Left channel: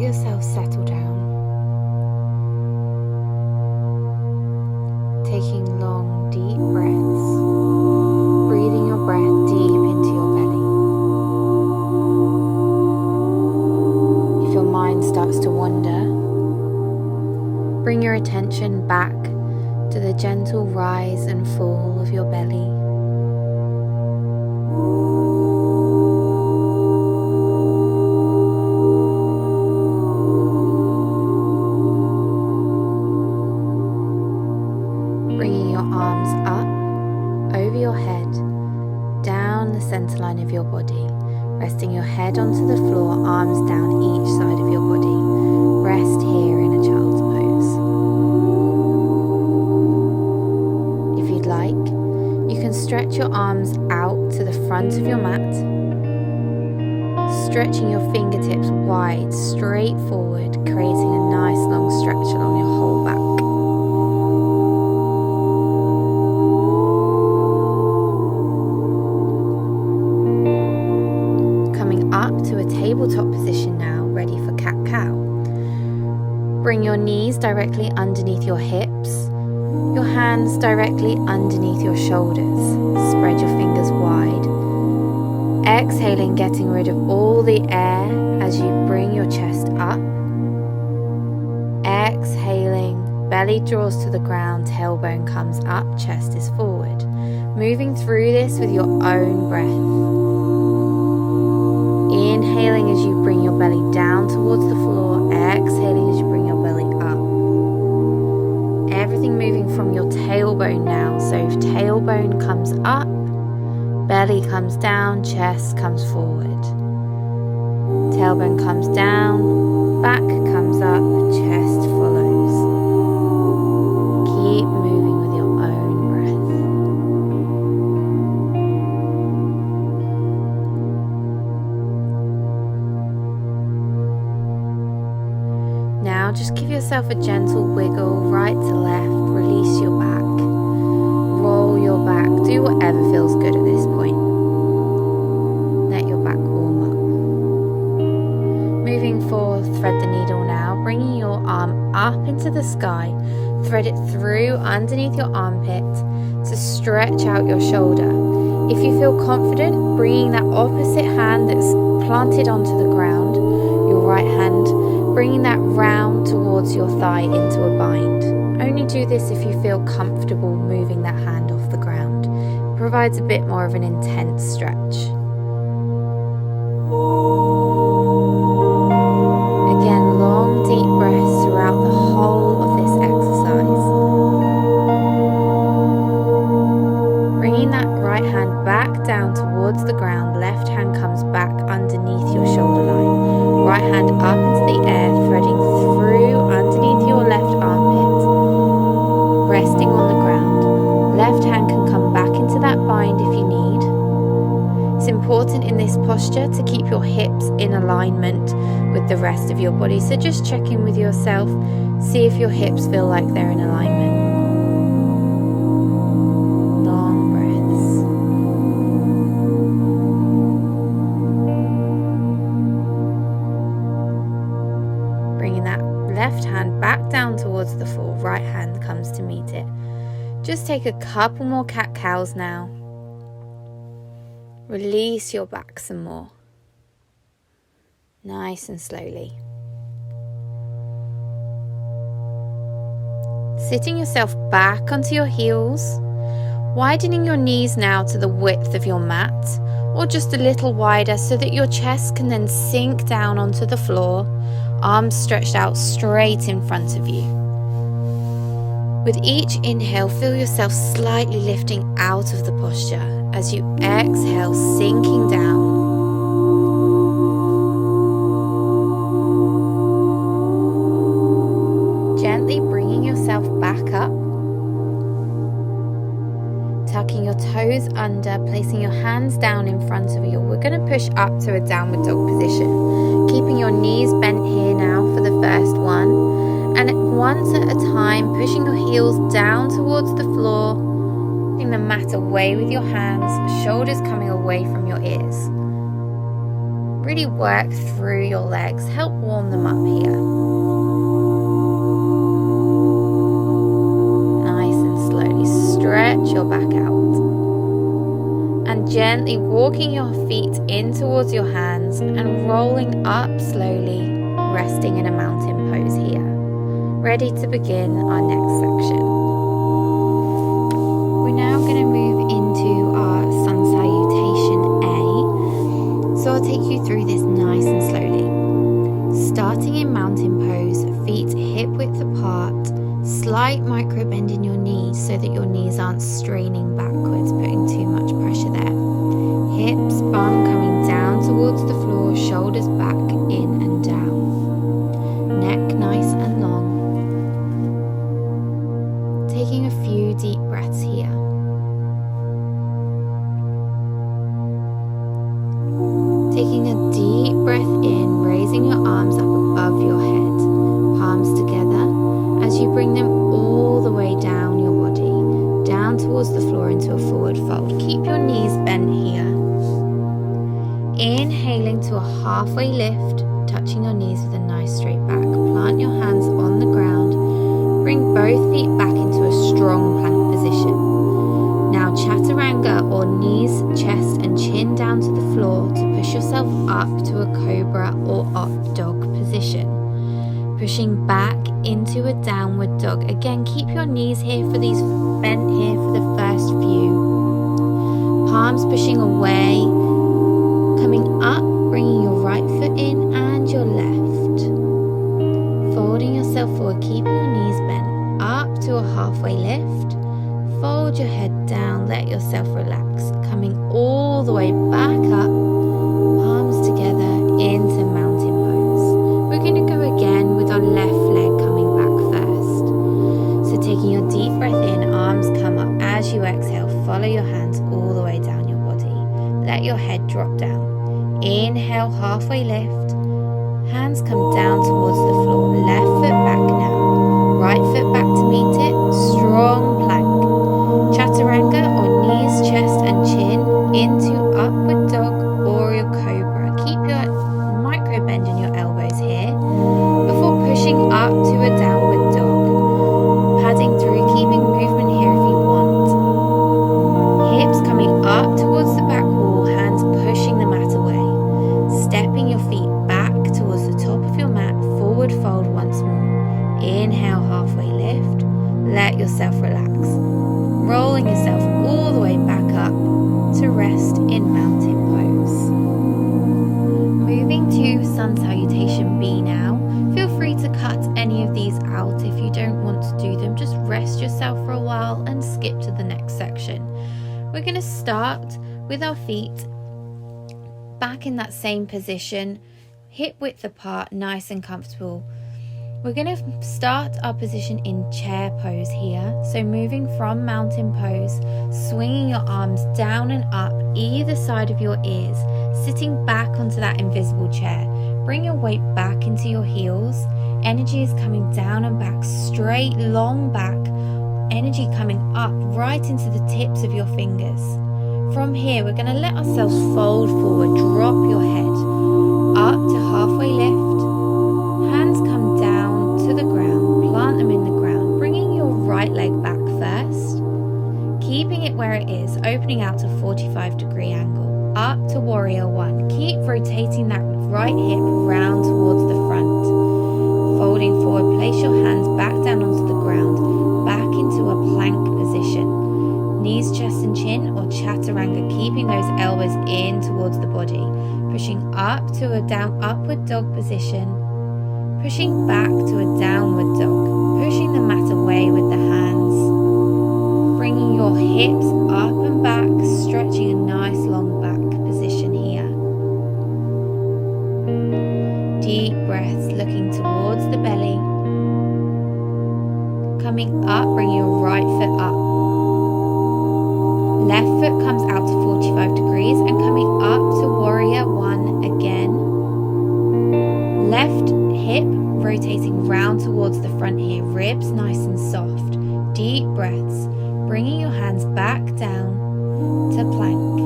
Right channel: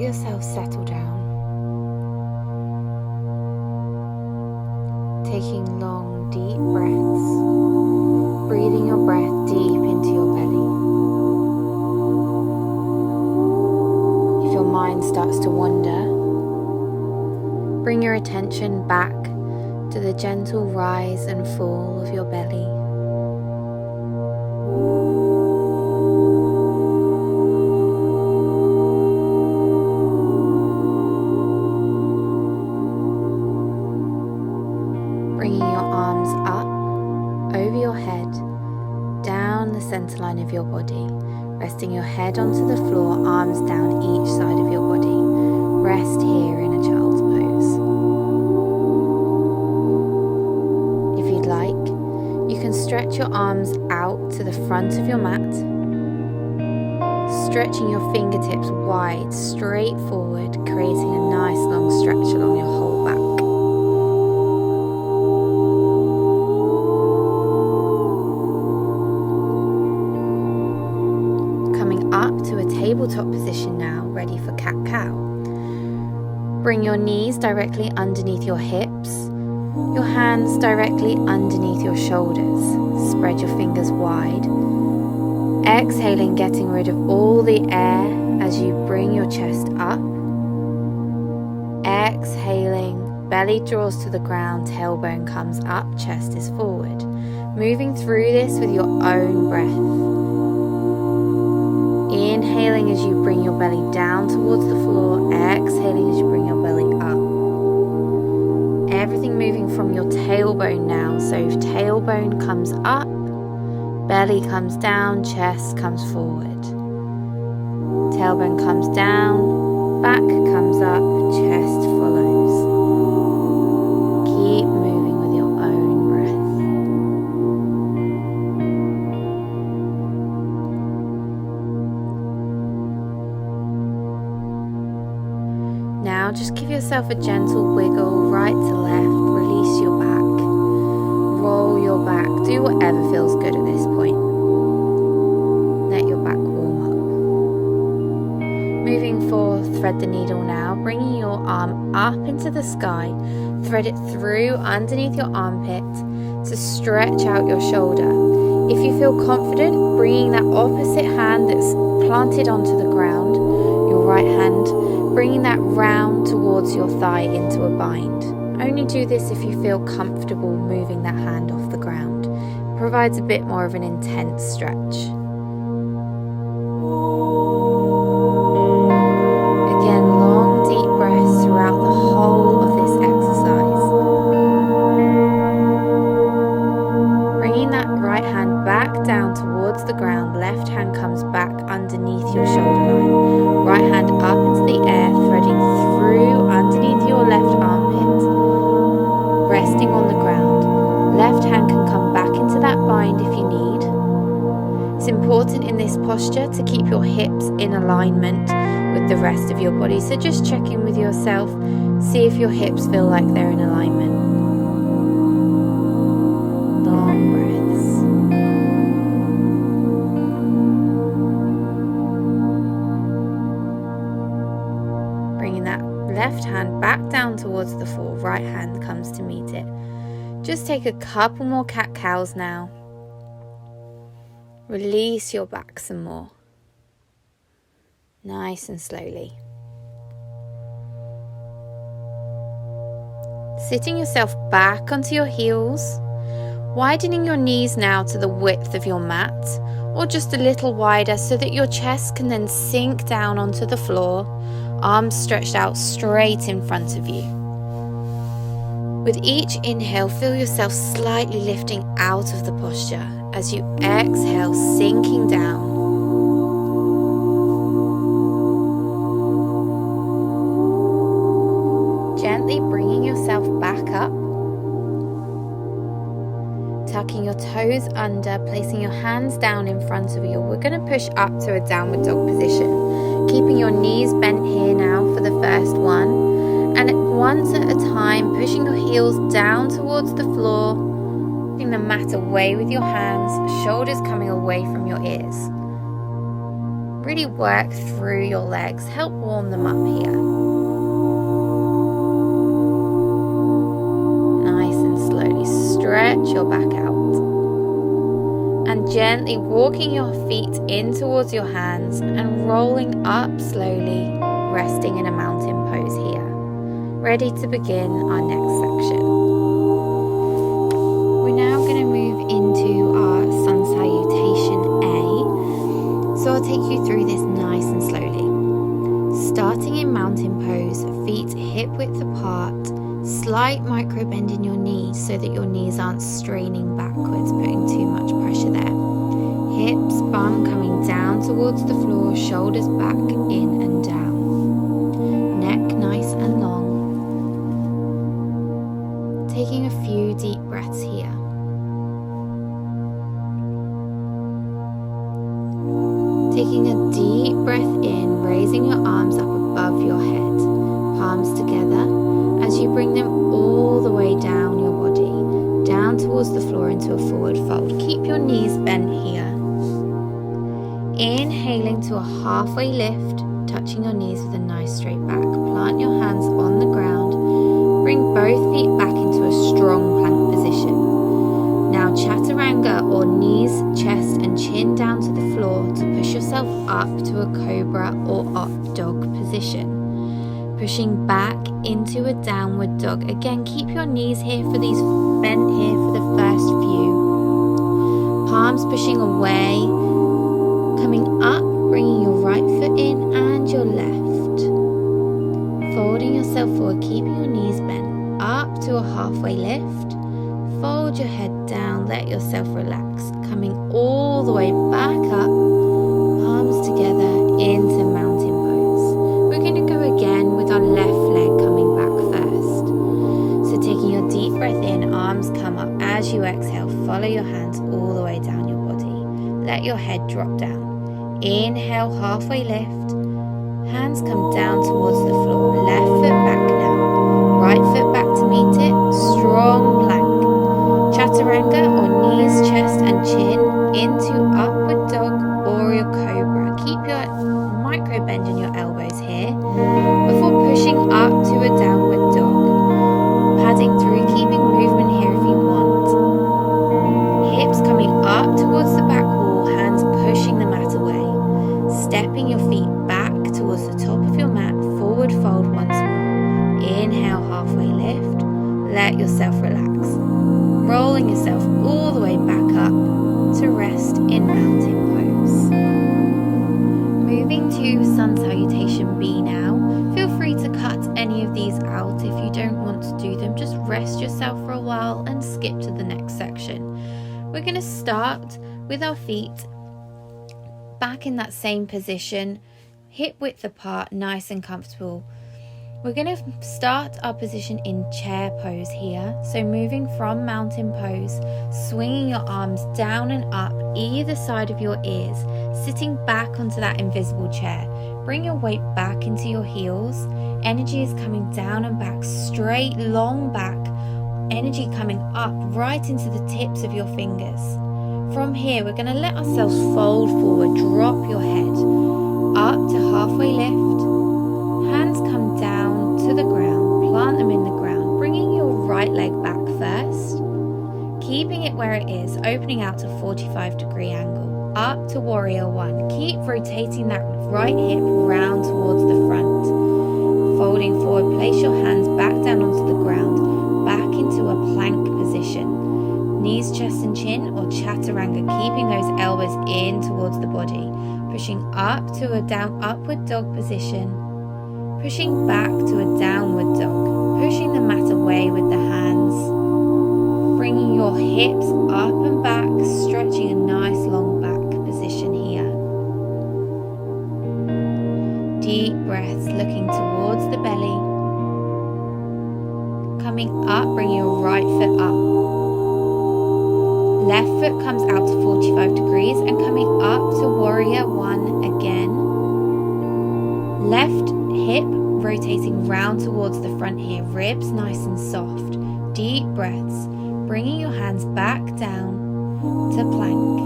let yourself settle down, taking long, deep breaths, breathing your breath deep into your belly. If your mind starts to wander, bring your attention back to the gentle rise and fall of your belly. Bringing your arms up, over your head, down the center line of your body, resting your head onto the floor, arms down each side of your body. Rest here in a child's pose. If you'd like, you can stretch your arms out to the front of your mat, stretching your fingertips wide, straight forward, creating a nice long stretch along your whole back. Up to a tabletop position now, ready for cat-cow. Bring your knees directly underneath your hips, your hands directly underneath your shoulders. Spread your fingers wide. Exhaling, getting rid of all the air as you bring your chest up. Exhaling, belly draws to the ground, tailbone comes up, chest is forward. Moving through this with your own breath. Inhaling as you bring your belly down towards the floor, exhaling as you bring your belly up. Everything moving from your tailbone now, so if tailbone comes up, belly comes down, chest comes forward. Tailbone comes down, back comes up, chest follows. Keep moving with your own breath. Now just give yourself a gentle wiggle right to left, release your back, roll your back, do whatever feels good at this point. Let your back warm up. Moving forward, thread the needle now, bringing your arm up into the sky, thread it through underneath your armpit to stretch out your shoulder. If you feel confident, bringing that opposite hand that's planted onto the ground, your right hand, bringing that round towards your thigh into a bind. Only do this if you feel comfortable moving that hand off the ground. It provides a bit more of an intense stretch. Again, long deep breaths throughout the whole of this exercise. Bringing that right hand back down towards the ground, left hand comes back underneath your shoulder line. Right hand up into the air, threading through underneath your left armpit, resting on the ground. Left hand can come back into that bind if you need. It's important in this posture to keep your hips in alignment with the rest of your body. So just check in with yourself, see if your hips feel like they're in alignment. Long breaths. Bringing that left hand back down towards the floor, right hand comes to meet it. Just take a couple more cat-cows now. Release your back some more. Nice and slowly. Sitting yourself back onto your heels, widening your knees now to the width of your mat, or just a little wider so that your chest can then sink down onto the floor, arms stretched out straight in front of you. With each inhale, feel yourself slightly lifting out of the posture as you exhale, sinking down. Gently bringing yourself back up, tucking your toes under, placing your hands down in front of you. We're going to push up to a downward dog position, keeping your knees bent here now for the first one. And once at a time, pushing your heels down towards the floor, putting the mat away with your hands, shoulders coming away from your ears. Really work through your legs, help warm them up here. Nice and slowly stretch your back out. And gently walking your feet in towards your hands and rolling up slowly, resting in a mountain pose here. Ready to begin our next section. We're now going to move into our sun salutation A. So I'll take you through this nice and slowly. Starting in mountain pose, feet hip width apart, slight micro bend in your knees so that your knees aren't straining backwards, putting too much pressure there. Hips, bum coming down towards the floor, shoulders back, in and down. Neck nice and long. Taking a few deep breaths here. Taking a deep breath in, raising your arms up above your head, palms together, as you bring them all the way down your body, down towards the floor into a forward fold. Keep your knees bent here. Inhaling to a halfway lift, touching your knees with a nice straight back. Plant your hands on the ground. Bring both feet back into a strong plank position. Now chaturanga, or knees, chest and chin down to the floor to push yourself up to a cobra or up dog position. Pushing back into a downward dog. Again, keep your knees here for these, bent here for the first few. Palms pushing away, coming up, bringing your right foot in and your left. Folding yourself forward, keeping your knees bent, up to a halfway lift. Fold your head down, let yourself relax, coming all the way back up, palms together into mountain pose. We're going to go again with our left leg coming back first. So taking your deep breath in, arms come up. As you exhale, follow your hands all the way down your body. Let your head drop down. Inhale, halfway lift. Hands come down towards the floor. Left foot back now. Right foot back to meet it. Strong plank. Chaturanga, or knees, chest and chin into upward dog or your cobra. Keep your micro bend in your elbows here before pushing up to a downward dog. Padding through, keeping movement here if you want. Hips coming up towards the back wall, hands pushing the mat away. Stepping your feet back towards the top of your mat, forward fold once more. Inhale, halfway lift. Let yourself relax. Rolling yourself all the way back up to rest in mountain pose. Moving to sun salutation B now. Feel free to cut any of these out if you don't want to do them. Just rest yourself for a while and skip to the next section. We're going to start with our feet back in that same position, hip width apart, nice and comfortable. We're going to start our position in chair pose here. So moving from mountain pose, swinging your arms down and up either side of your ears, sitting back onto that invisible chair. Bring your weight back into your heels. Energy is coming down and back, straight, long back. Energy coming up right into the tips of your fingers. From here, we're going to let ourselves fold forward, drop your head up to halfway lift. Hands come down to the ground, plant them in the ground, bringing your right leg back first, keeping it where it is, opening out to 45-degree angle, up to warrior one. Keep rotating that right hip round towards the front. Folding forward, place your hands back down onto the ground, back into a plank position. Knees, chest and chin, or chaturanga, keeping those elbows in towards the body, pushing up to a down upward dog position. Pushing back to a downward dog, pushing the mat away with the hands, bringing your hips up and back, stretching a nice long back position here. Deep breaths, looking towards the belly. Coming up, bring your right foot up. Left foot comes out to 45 degrees and coming up to warrior one again. Left hip rotating round towards the front here, ribs nice and soft. Deep breaths, bringing your hands back down to plank.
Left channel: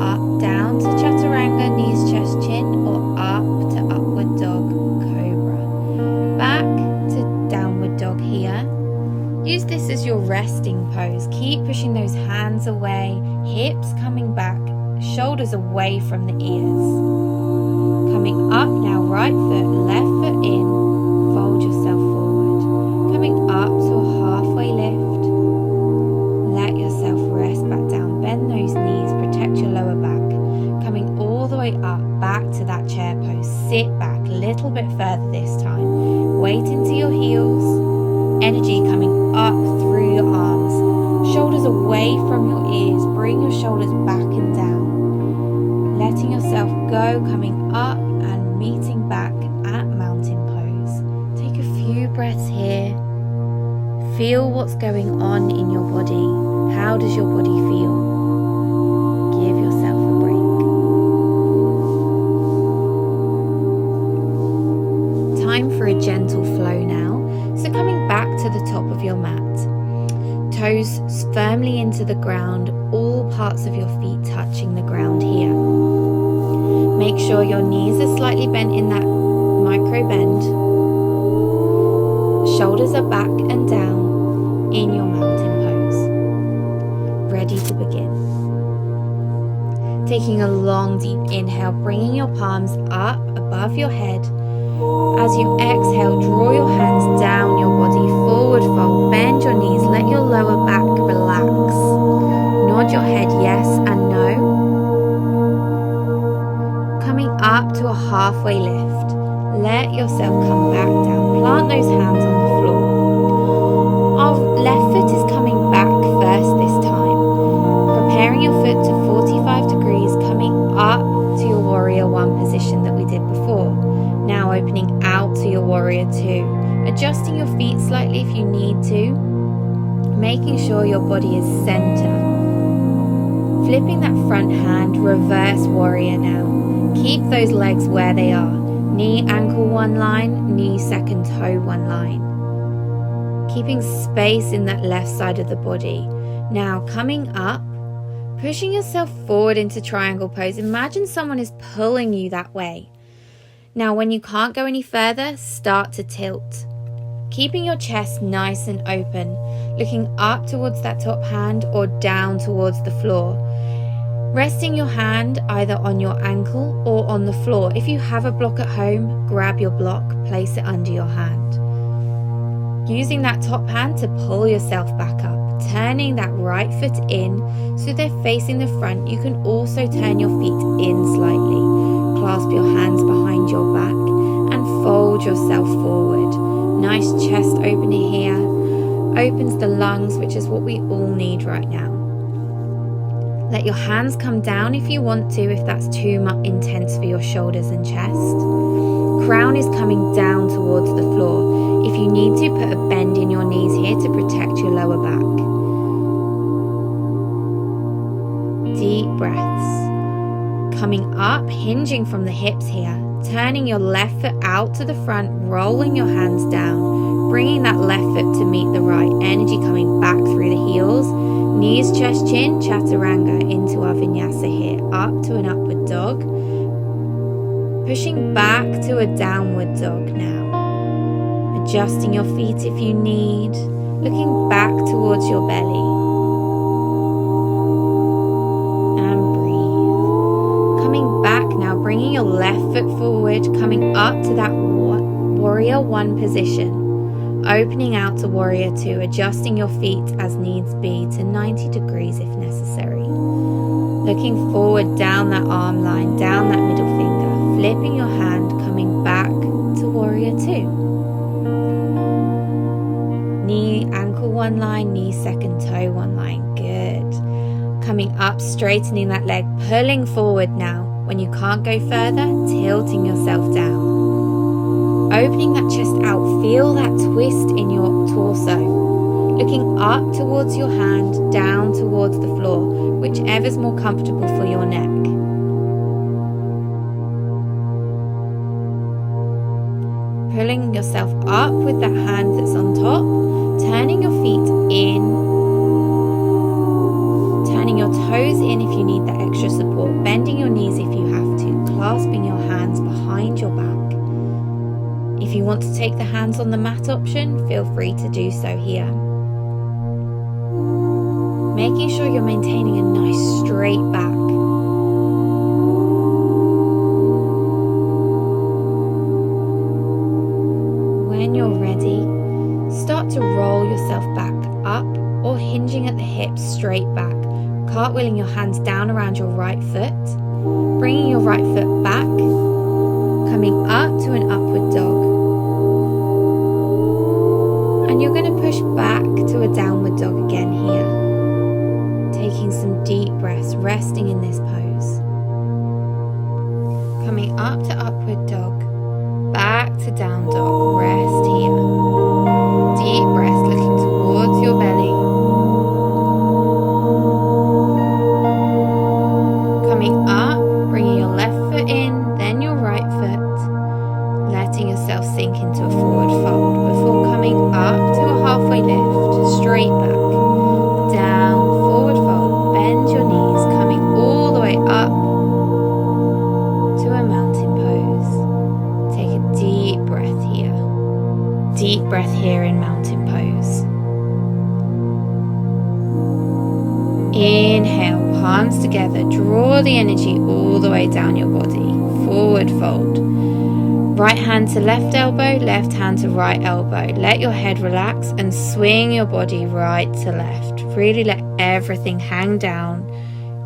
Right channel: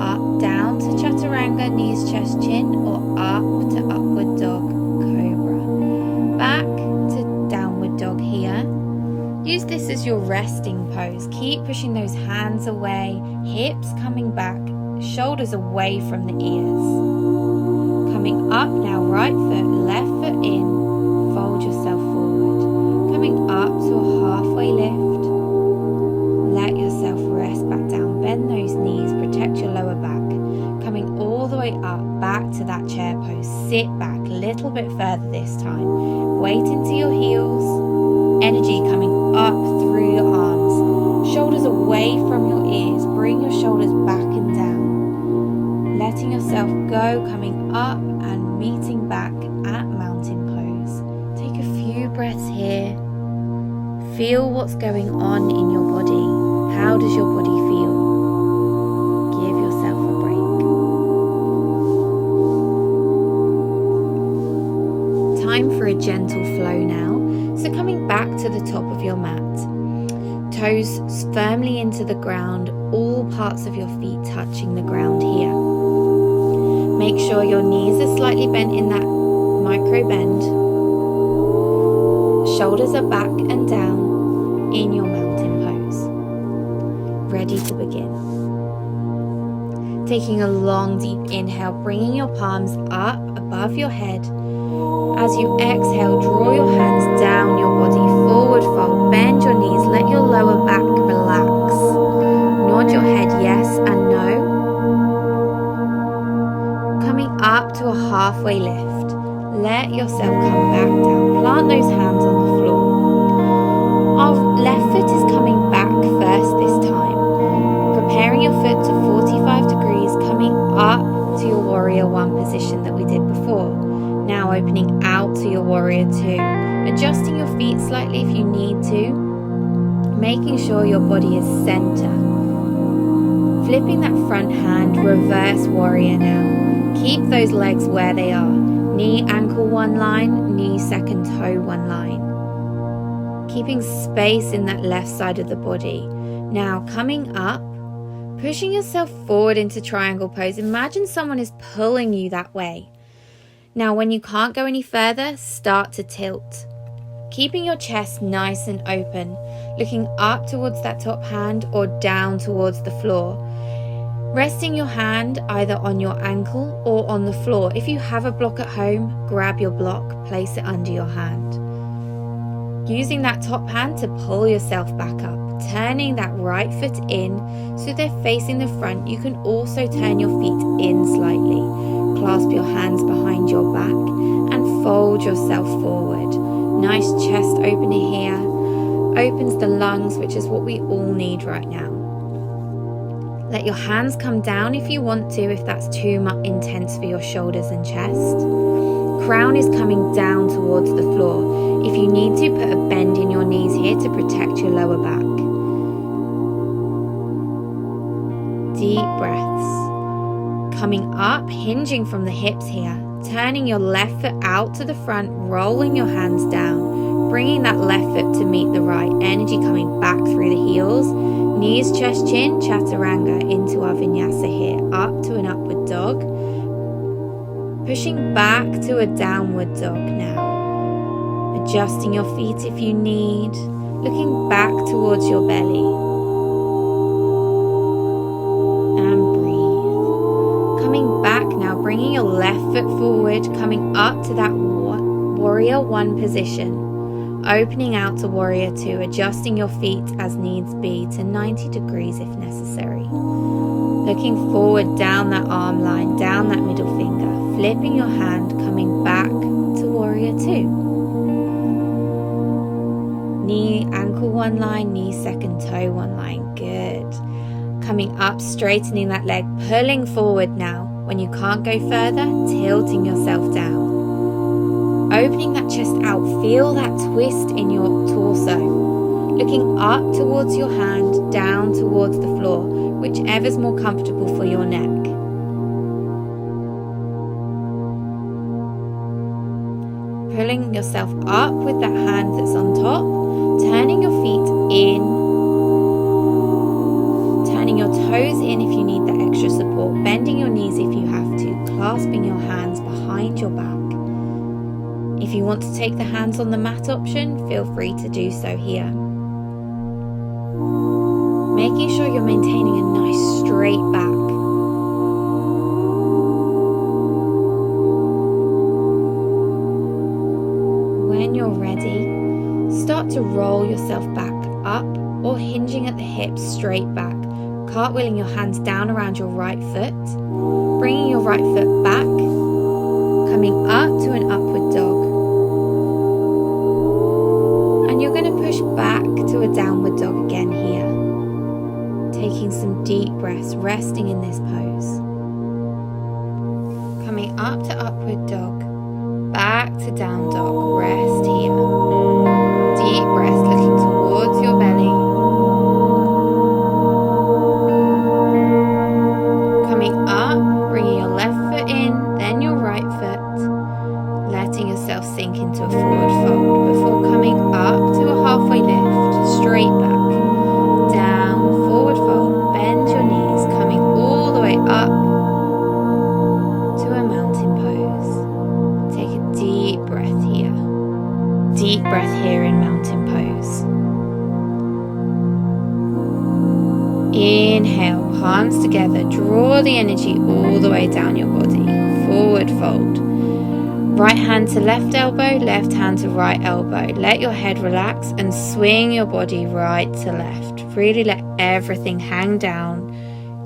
Up, down to chaturanga, knees, chest resting pose. Keep pushing those hands away, hips coming back, shoulders away from the ears. Coming up now, right foot, left foot in, fold yourself forward. Coming up to a halfway lift. Let yourself rest back down, bend those knees, protect your lower back. Coming all the way up, back to that chair pose. Sit back a little bit further this time. Weight into your heels. Energy coming up through your arms. Shoulders away from your ears. Bring your shoulders back and down. Letting yourself go, coming up and meeting back at mountain pose. Take a few breaths here. Feel what's going on in your body. How does your body feel? Give yourself a break. Time for a gentle flow now. So coming back to the top of your mat. Toes firmly into the ground, all parts of your feet touching the ground here. Make sure your knees are slightly bent in that micro bend. Shoulders are back and down in your mountain pose. Ready to begin. Taking a long deep inhale, bringing your palms up above your head. As you exhale, draw your hands down your body, forward fold, bend your knees, let your lower back relax. Nod your head yes and no. Coming up to a halfway lift. Let yourself come back down. Plant those hands on the floor. Our left foot is coming back first this time. Preparing your foot to 45 degrees, coming up to your warrior one position that we did before. Now opening out to your warrior two. Adjusting your feet slightly if you need to. Making sure your body is center. Flipping that front hand, reverse warrior now. Keep those legs where they are. Knee, ankle one line, knee, second toe one line. Keeping space in that left side of the body. Now coming up, pushing yourself forward into triangle pose. Imagine someone is pulling you that way. Now when you can't go any further, start to tilt. Keeping your chest nice and open, looking up towards that top hand or down towards the floor. Resting your hand either on your ankle or on the floor. If you have a block at home, grab your block, place it under your hand. Using that top hand to pull yourself back up. Turning that right foot in so they're facing the front. You can also turn your feet in slightly. Clasp your hands behind your back and fold yourself forward. Nice chest opener here. Opens the lungs, which is what we all need right now. Let your hands come down if you want to, if that's too much intense for your shoulders and chest. Crown is coming down towards the floor. If you need to, put a bend in your knees here to protect your lower back. Deep breaths. Coming up, hinging from the hips here. Turning your left foot out to the front, rolling your hands down. Bringing that left foot to meet the right. Energy coming back through the heels. Knees, chest, chin, chaturanga into our vinyasa here. Up to an upward dog. Pushing back to a downward dog now. Adjusting your feet if you need. Looking back towards your belly. Coming back now, bringing your left foot forward, coming up to that warrior one position. Opening out to warrior two, adjusting your feet as needs be to 90 degrees if necessary. Looking forward down that arm line, down that middle finger, flipping your hand, coming back to warrior two. Knee, ankle one line, knee, second toe one line. Good. Coming up, straightening that leg, pulling forward now. When you can't go further, tilting yourself down. Opening that chest out, feel that twist in your torso. Looking up towards your hand, down towards the floor, whichever's more comfortable for your neck. Pulling yourself up with that hand that's on top, turning your feet in. Turning your toes in if you need that extra support, bending your knees if you have to, clasping your hands behind your back. If you want to take the hands on the mat option, feel free to do so here. making sure you're maintaining a nice straight back. When you're ready, start to roll yourself back up or hinging at the hips straight back, cartwheeling your hands down around your right foot, bringing your right foot back, coming up to an upward dog. And you're going to push back to a downward dog again here, taking some deep breaths, resting in this pose. Coming up to upward dog, back to down dog, rest here. Deep breath, looking towards your belly. Coming up, bringing your left foot in, then your right foot. Letting yourself sink into a forward fold before coming up to a halfway lift, straight back, down, forward fold, bend your knees, coming all the way up to a mountain pose. Take a deep breath here. Deep breath here in mountain pose. Inhale, palms together, draw the energy all the way down your body, forward fold. Right hand to left elbow, left hand to right elbow. Let your head relax and swing your body right to left. Really let everything hang down.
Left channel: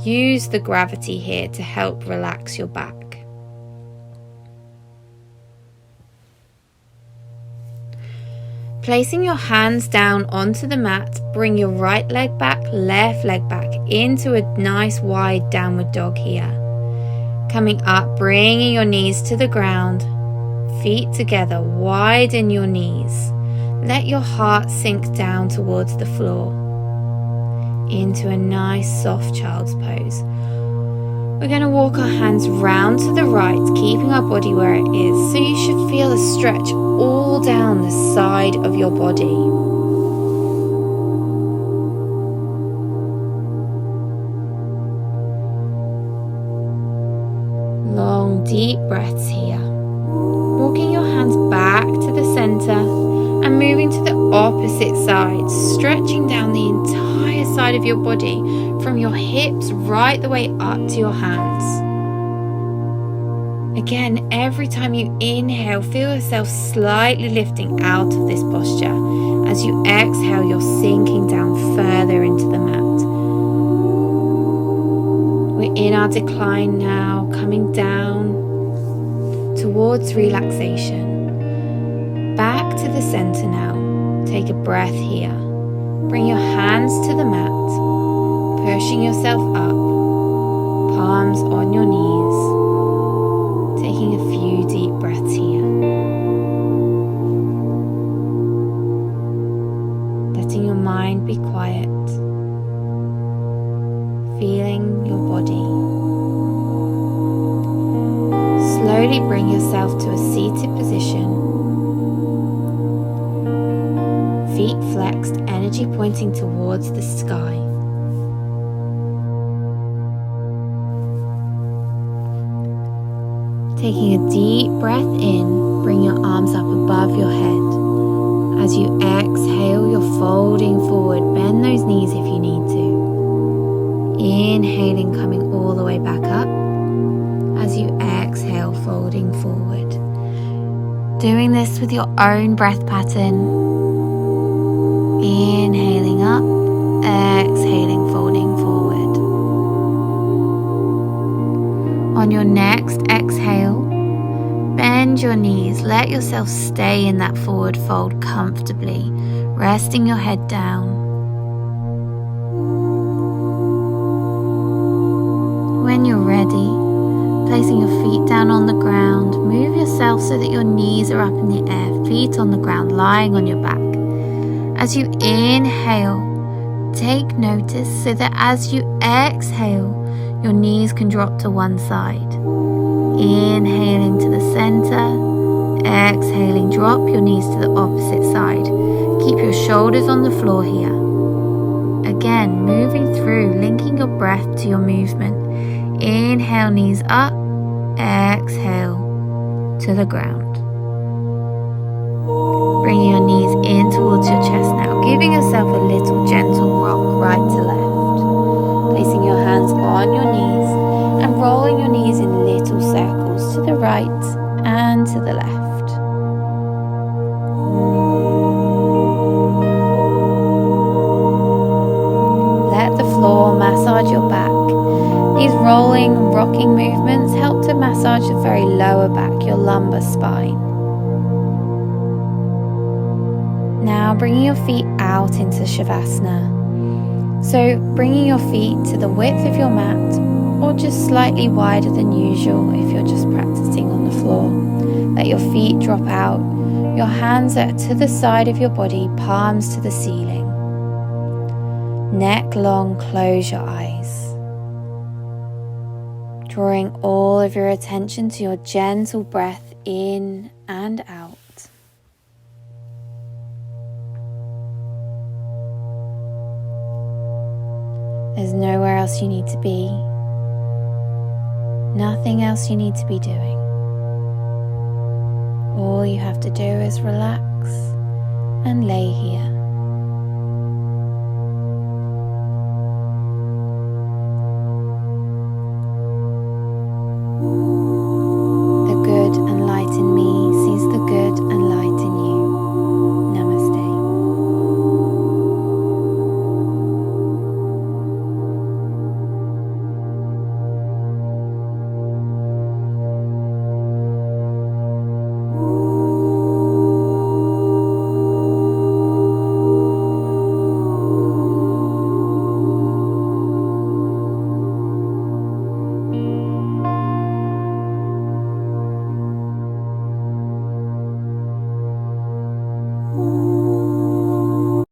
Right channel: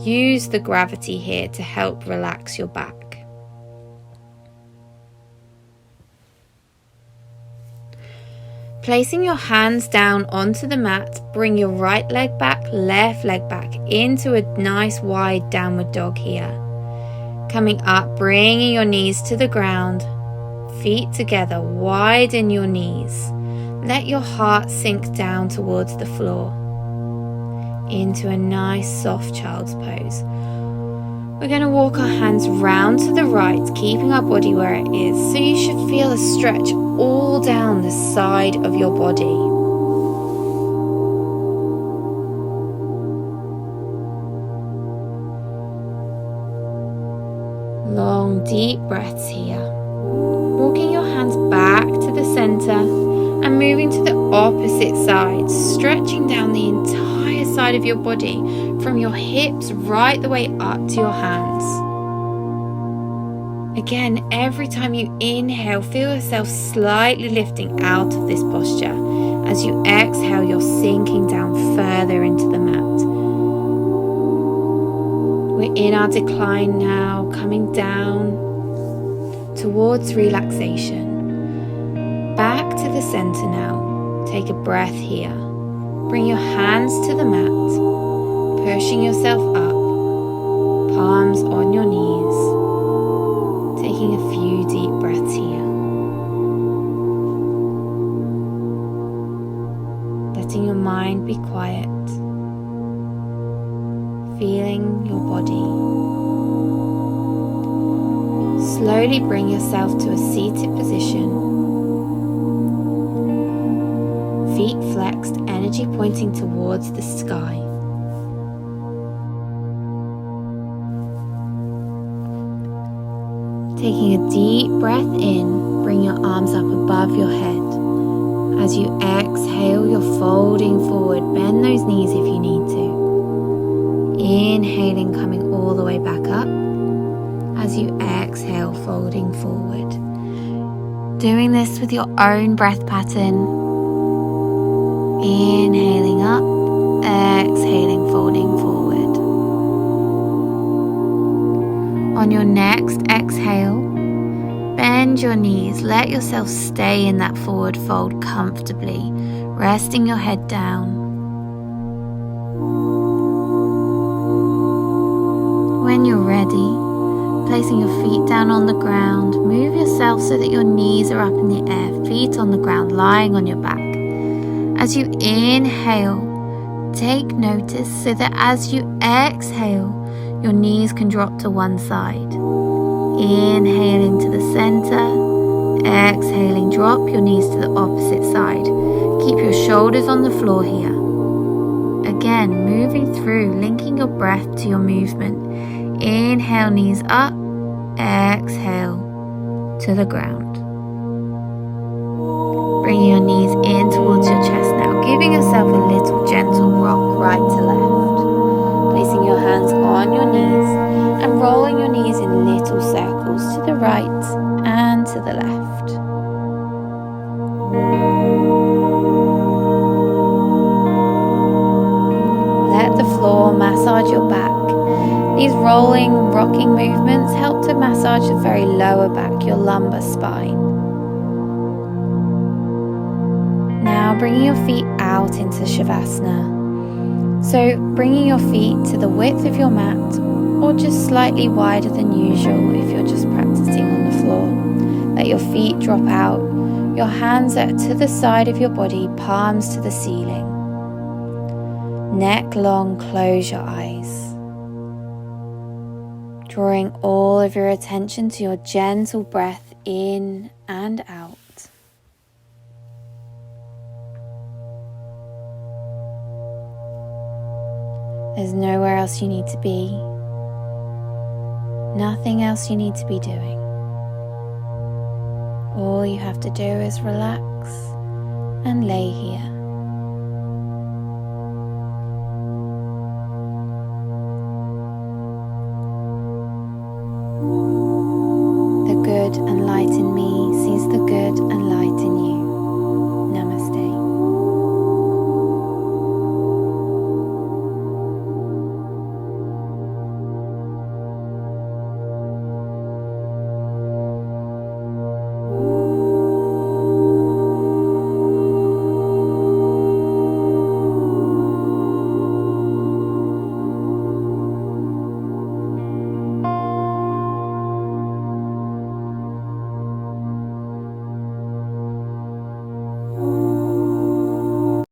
Use the gravity here to help relax your back. Placing your hands down onto the mat, bring your right leg back, left leg back into a nice wide downward dog here. Coming up, bringing your knees to the ground. Feet together, widen your knees. Let your heart sink down towards the floor into a nice soft child's pose. We're going to walk our hands round to the right, keeping our body where it is. So you should feel a stretch all down the side of your body. Long, deep breaths here. Walking your hands back to the center and moving to the opposite side, stretching down the entire side of your body from your hips right the way up to your hands. Again, every time you inhale, feel yourself slightly lifting out of this posture. As you exhale, you're sinking down further into the mat. We're in our decline now, coming down towards relaxation. Back to the center now. Take a breath here. Bring your hands to the mat, pushing yourself up, palms on your knees. Taking a few deep breaths here. Letting your mind be quiet. Feeling your body. Slowly bring yourself to a seated position. Feet flexed, energy pointing towards the sky. Taking a deep breath in, bring your arms up above your head. As you exhale, you're folding forward. Bend those knees if you need to. Inhaling, coming all the way back up. As you exhale, folding forward. Doing this with your own breath pattern. Inhaling up, exhaling, folding forward. On your next exhale, bend your knees. Let yourself stay in that forward fold comfortably, resting your head down. When you're ready, placing your feet down on the ground, move yourself so that your knees are up in the air, feet on the ground, lying on your back. As you inhale, take notice so that as you exhale, your knees can drop to one side. Inhaling to the center, exhaling, drop your knees to the opposite side. Keep your shoulders on the floor here. Again, moving through, linking your breath to your movement. Inhale, knees up, exhale to the ground. Bringing your knees in towards your chest now, giving yourself a little gentle rock right to left. placing your hands on your knees and rolling your knees in little circles to the right and to the left. Let the floor massage your back. These rolling, rocking movements help to massage the very lower back, your lumbar spine. Now bringing your feet out into Shavasana. So bringing your feet to the width of your mat or just slightly wider than usual if you're just practicing on the floor. Let your feet drop out. Your hands are to the side of your body, palms to the ceiling. Neck long, close your eyes. Drawing all of your attention to your gentle breath in and out. There's nowhere else you need to be. Nothing else you need to be doing. All you have to do is relax and lay here. The good and light in me sees the good and light in you.